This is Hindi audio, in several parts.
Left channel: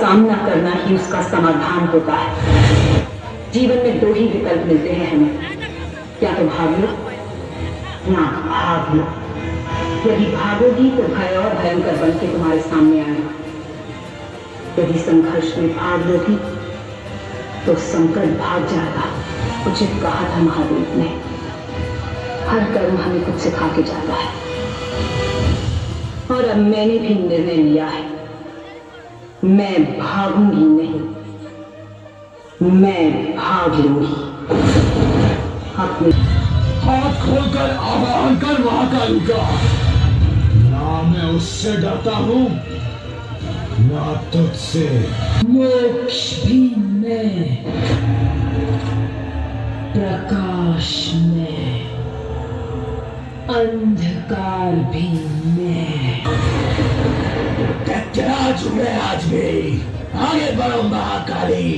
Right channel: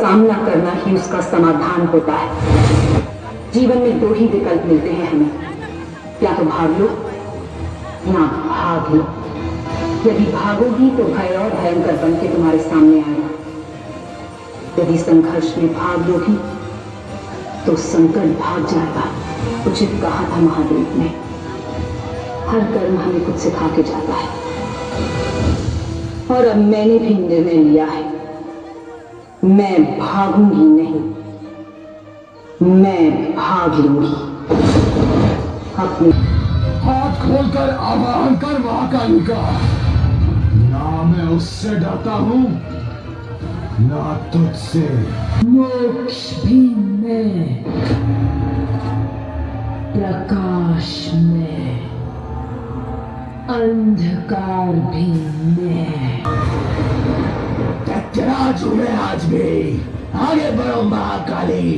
सामना करना ही उसका समाधान होता है। जीवन में दो ही विकल्प मिलते हैं हमें, या तो भाग लो या भाग लो। यदि भागोगी तो भय और भयंकर बन के तुम्हारे सामने आएगा, यदि संघर्ष में भाग लोगी तो संकट भाग जाएगा। उचित कहा था महादेव ने, हर कर्म हमें कुछ सिखा के जाता है। और अब मैंने भी निर्णय लिया है, मैं भागूंगी नहीं, मैं भाग लूंगी। अपने हाथ खोलकर आवाहन कर महाकाली का। ना मैं उससे डरता हूं, ना तुझसे। मोक्ष भी मैं, प्रकाश में, अंधकार भी मैं। गजराज हुए आज भी, आगे बढ़ो महाकाली।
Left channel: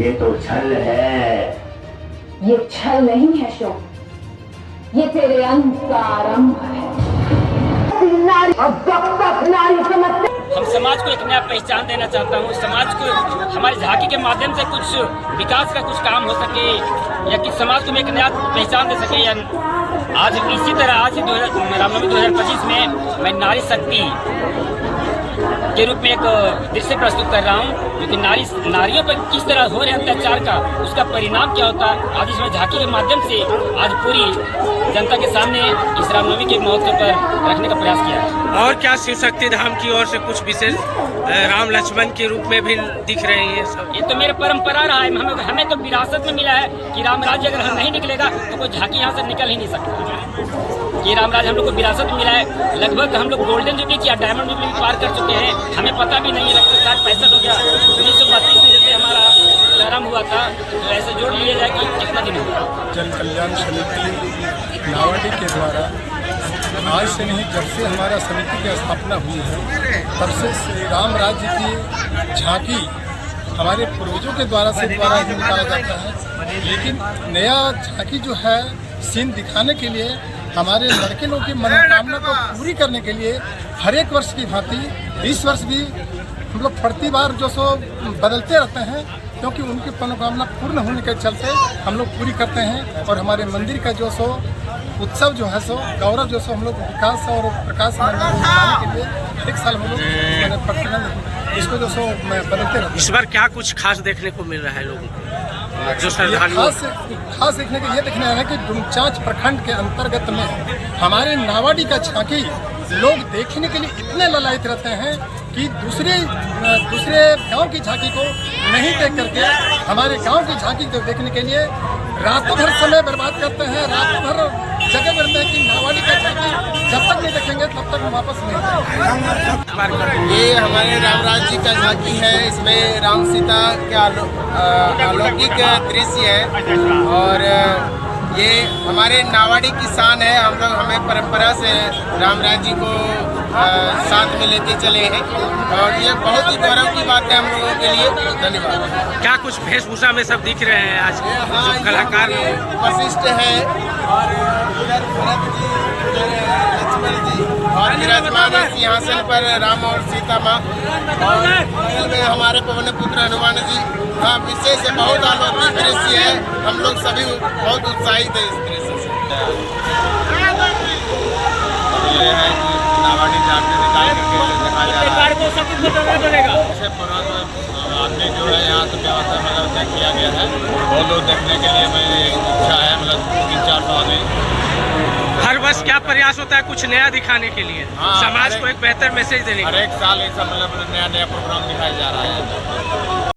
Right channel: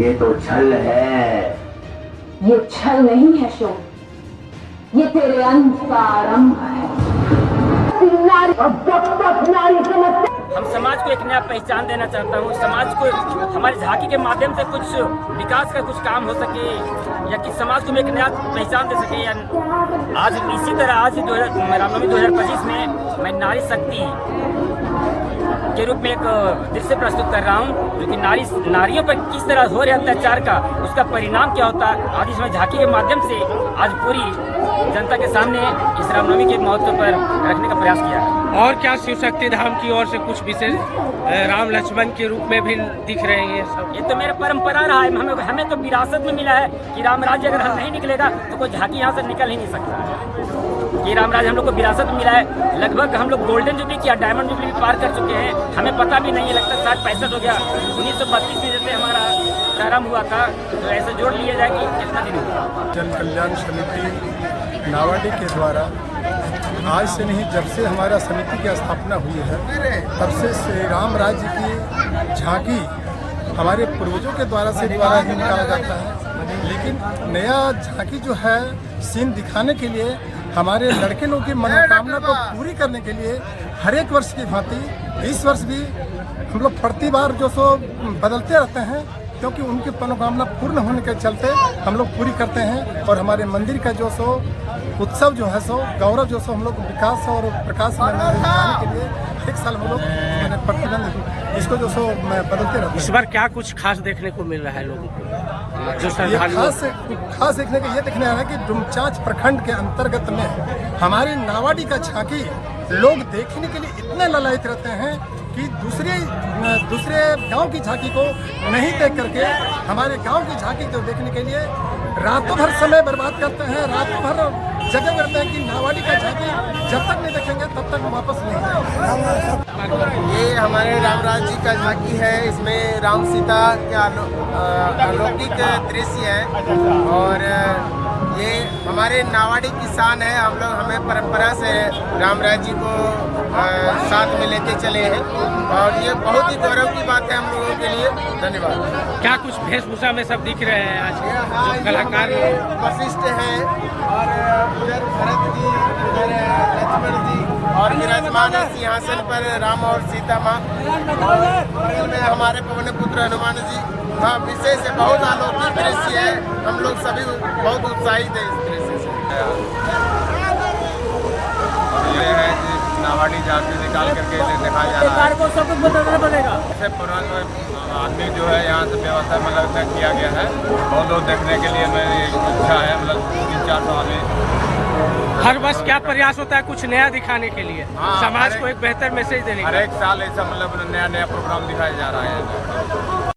ये तो छल है। ये छल नहीं है शोम, ये तेरे अंत का आरंभ है। नारी अब तक नारी समझते। हम समाज को एक नया पहचान देना चाहता हूँ। समाज को हमारी झांकी के माध्यम से कुछ विकास का कुछ काम हो सके, या कि समाज को एक नया पहचान दे सके। या आज इसी तरह आज रामनवमी 2025 में मैं नारी शक्ति के रूप में एक दृश्य प्रस्तुत कर रहा हूँ, जो कि नारियों पर किस तरह हो रहे अत्याचार का उसका परिणाम क्या होता है, आज इसमें झांकी के माध्यम से आज पूरी जनता के सामने इस रामनवमी के महोत्सव पर रखने का प्रयास किया है। और क्या शिव शक्ति धाम की ओर से कुछ विशेष राम लक्ष्मण के रूप में भी दिख रहे हैं सब? ये तो मेरा परंपरा रहा है। हमें तो विरासत में मिला है कि राम राज्य अगर हम नहीं निकलेगा तो कोई झांकी यहाँ से निकल ही नहीं सकता। ये राम राज्य हम लोग को विरासत में मिला है। लगभग हम लोग गोल्डन जुबली या डायमंड जुबली पार कर चुके हैं, हमें पता भी नहीं लगता। शायद 65 हो गया। 1932 में जैसे हमारा प्रारंभ हुआ था, तो ऐसे जोड़ लिया जाए कि कितना दिन हुआ। जन कल्याण समिति नावाडी के द्वारा आज से नहीं, जब से हमारा समिति की स्थापना हुई है तब से श्री राम राज्य की झांकी हमारे पूर्वजों के द्वारा ही निकाला जाता है। लेकिन नया झांकी जो है सीन दिखाने के लिए, हमारे लड़के लोगों की मनोकामना को पूरी करने के लिए हर एक वर्ष की भांति इस वर्ष भी हम लोग प्रति बार जो सो बदलते रहते हैं, क्योंकि उनकी मनोकामना पूर्ण होने के चलते हम लोग पूरी करते हैं। और हमारे मंदिर का जो सो उत्सव जो है सो गौरव जो सो हम लोग विकास और प्रकाश मनाने के लिए एक साल हम लोग प्रतिबंध इसको जो सो मैं बदलते रहता हूँ। इस बार क्या कुछ खास देखने को मिल रहा है लोगों को? जो खास देखने को ये देखने आ रहा है कि डुमचांच प्रखंड के अंतर्गत में हमारे नावाडी का झांकी लोग देखने के लिए इतने ललायित रहते हैं कि दूसरे गांव की झांकी को नहीं देख करके हमारे गांव की झांकी को देखने के लिए रातों भर समय बर्बाद करते हैं, रातों भर जगह करते हैं कि नावाडी का झांकी जब तक नहीं देखेंगे तब तक वापस नहीं जाएंगे। ये हमारे रामराज जी का झांकी है। इसमें राम सीता के अलौकिक दृश्य है और ये हमारे नावाडी की शान है। हम लोग हमें परंपरा से रामराज जी को साथ में लेके चले हैं और ये बहुत ही गौरव की बात है हम लोगों के लिए। धन्यवाद। क्या कुछ वेशभूषा में सब दिख रहे हैं आज जो कलाकार वशिष्ठ है और उधर भरत जी, उधर लक्ष्मण जी और विराजमान है सिंहासन पर राम और सीता माँ, और बगल में हमारे पवन पुत्र हनुमान जी। हाँ, विशेष है, बहुत अलौकिक दृश्य है। हम लोग सभी बहुत उत्साहित है इस दृश्य से। अब ये है कि नावाडी झांकी निकाल करके दिखाया जा रहा है। इससे पुराना आदमी जो है यहाँ से व्यवस्था मतलब किया गया है। बहुत लोग देखने के लिए मेरी इच्छा है, मतलब 3-4 सौ आदमी हर वर्ष क्या प्रयास होता है कुछ नया दिखाने के लिए, हाँ, समाज को एक बेहतर मैसेज देने हर के लिए? एक साल ऐसा मतलब नया नया प्रोग्राम दिखाया जा रहा है।